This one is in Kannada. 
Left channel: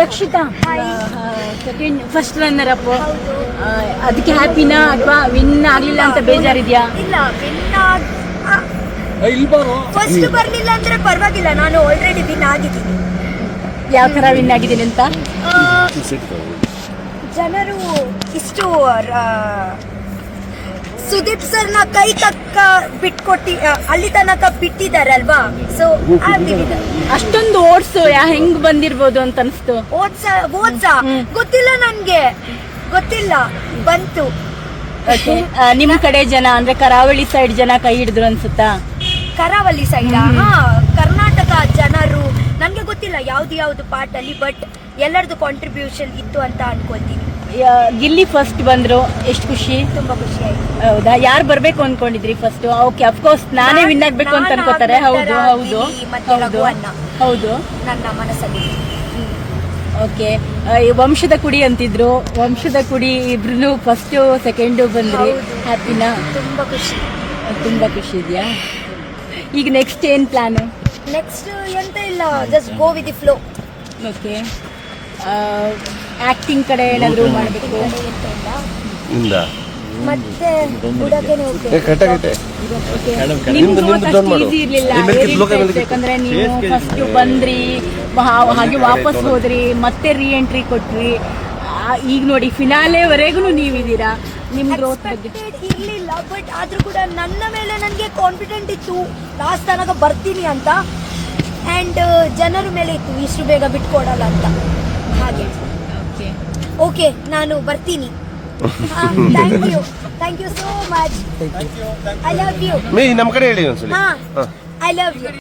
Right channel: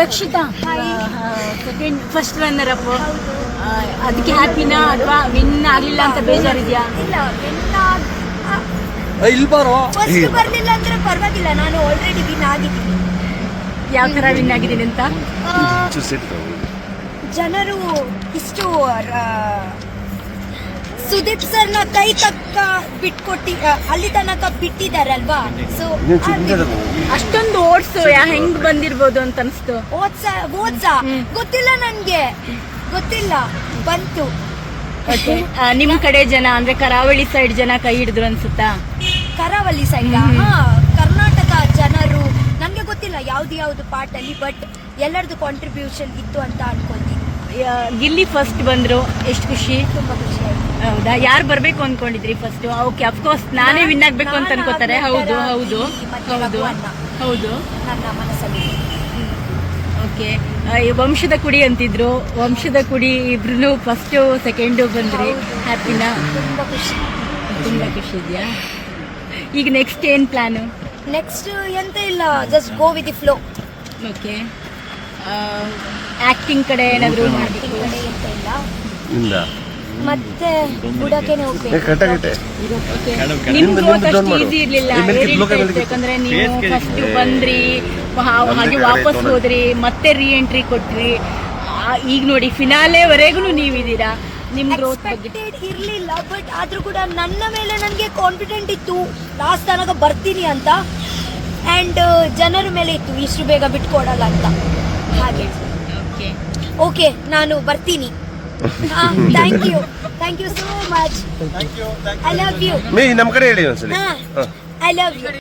Rakshita second first runner up, ಅದಕ್ಕೆ ಹ್ಯಾಪಿನಾ ಅಥವಾ ವಿನ್ ಆಗ್ಲಿಲ್ಲ ಅಂತ ಬೇಜಾರಿದ್ಯಾ? ಇಲ್ಲ, ಫಸ್ಟ್ ಬರ್ಲಿಲ್ಲ ಅಂದ್ರೆ ಪರವಾಗಿಲ್ಲ, ನಾನು ಆಲ್ರೆಡಿ ವಿನ್ ಆಗಿದ್ದೀನಿ. ಯಾವ ತರ ವಿನ್ ಆಗಿದ್ದೀನಿ ಅಂತ? ಜನರು ಇಷ್ಟು ಸುದೀಪ್ ಸರ್ನ ಕೈ ತಕ್ಕ ಬಿಟ್ಕೊಟ್ಟಿ ಅಲ್ಲಿ ತನಕ ಬಿಟ್ಟಿದಾರಲ್ವಾ, ಸೊ ಅಷ್ಟೊಂದು ಓಡ್ಸು ಹೆಂಗ್ ಬಂದಿರ್ಬೋದು ಅಂತ ಅನ್ಸ್ತು. ಓದ್ಸಾ ಗೊತ್ತಿಲ್ಲ, ನನ್ಗೆ ಗೊತ್ತಿಲ್ಲ, ಬಂತು. ನಿಮ್ ಕಡೆ ಜನ ಅಂದ್ರೆ ಕರಾವಳಿ ಸೈಡ್ ಜನ ಕೈ ಹಿಡಿದ್ರು ಅನ್ಸುತ್ತಾ? ಕರಾವಳಿ ಸೈಡ್, ಹಾ, ಕರ್ನಾಟಕ ಜನರು ನನ್ಗೆ ಗೊತ್ತಿಲ್ಲ ಯಾವ್ದು ಪಾರ್ಟ್ ಅಲ್ಲಿ, ಬಟ್ ಎಲ್ಲರದು ಕಾಂಟ್ರಿಬ್ಯೂಷನ್ ಇತ್ತು ಅಂತ ಅನ್ಕೊತೀನಿ. ಗಿಲ್ಲಿ ಫಸ್ಟ್ ಬಂದ್ರು, ಎಷ್ಟು ಖುಷಿ, ತುಂಬಾ ಖುಷಿ ಆಯ್ತು. ಹೌದಾ? ಯಾರು ಬರ್ಬೇಕು ಅನ್ಕೊಂಡಿದ್ರಿ ಫಸ್ಟ್? ಓಕೆ, ಅಫ್ಕೋರ್ಸ್ ನಾನೇ ವಿನ್ ಆಗ್ಬೇಕು ಅಂತ ಅನ್ಕೋತಾರೆ. ಹೌದು ಹೌದು ಹೌದು, ನನ್ನ ಮನಸ್ಸಲ್ಲಿ. ಓಕೆ, ವಂಶದ ಕುಡಿ ಅಂತಿದ್ರು, ವಂಶದ ಕುಡಿ ಇಬ್ರು ಫಸ್ಟ್ ಸೆಕೆಂಡ್ ಬಂದ್ರಿ, ಹ್ಯಾಪಿನಾ? ತುಂಬಾ ಖುಷಿ ಇದೆಯಾ? ಈಗ ನೆಕ್ಸ್ಟ್ ಏನ್ ಪ್ಲಾನ್? ನೆಕ್ಸ್ಟ್ ಎಂತ ಇಲ್ಲ, just go with the flow. Okay, acting ಕಡೆ ಏನಾದ್ರು ಮಾಡಬೇಕು? ಮತ್ತೆ ಬುಡಕೆನೆ ಹೋಗ್ಬೇಕು. ನಿಮ್ದು ಈಸಿ ಇರ್ಲಿಲ್ಲ, ಯಾಕಂದ್ರೆ ನೀವು ಫಸ್ಟ್ ಬಂದ್ರಿ, ಹಾಗೆ ವಾಪಸ್ ಹೋದ್ರಿ, ಮತ್ತೆ ರೀ ಎಂಟ್ರಿ ಕೊಟ್ರಿ. ಈಗ ನೋಡಿ ಫಿನಾಲೆವರೆಗೂ ನೀವಿದ್ದೀರಾ. ನಿಮ್ ಗ್ರೋತ್ ಇರ್ಲಿಲ್ಲ, ಬಟ್ ಆದ್ರೂ ಕೂಡ ನನ್ನ ಮೇಲೆ ನನಗೆ ಕಾನ್ಫಿಡೆಂಟ್ ಇತ್ತು, ಲಾಸ್ಟ್ ತನಕ ಬರ್ತೀನಿ ಅಂತ. ಅಂಡ್ ಜನರ ಮೇಲೆ ಇತ್ತು, ಇಷ್ಟು ಬೇಗ ಬಿಟ್ಕೊಡಲ್ಲ ಅಂತ. ಹಾಗೆ ಓಕೆ, ನಾನು ಬರ್ತೀನಿ. Thank you so much. I love you. ನಮ್ಮ ಕಡೆ ಹೇಳಿ ಒಂದ್ಸಲಿ. I love you.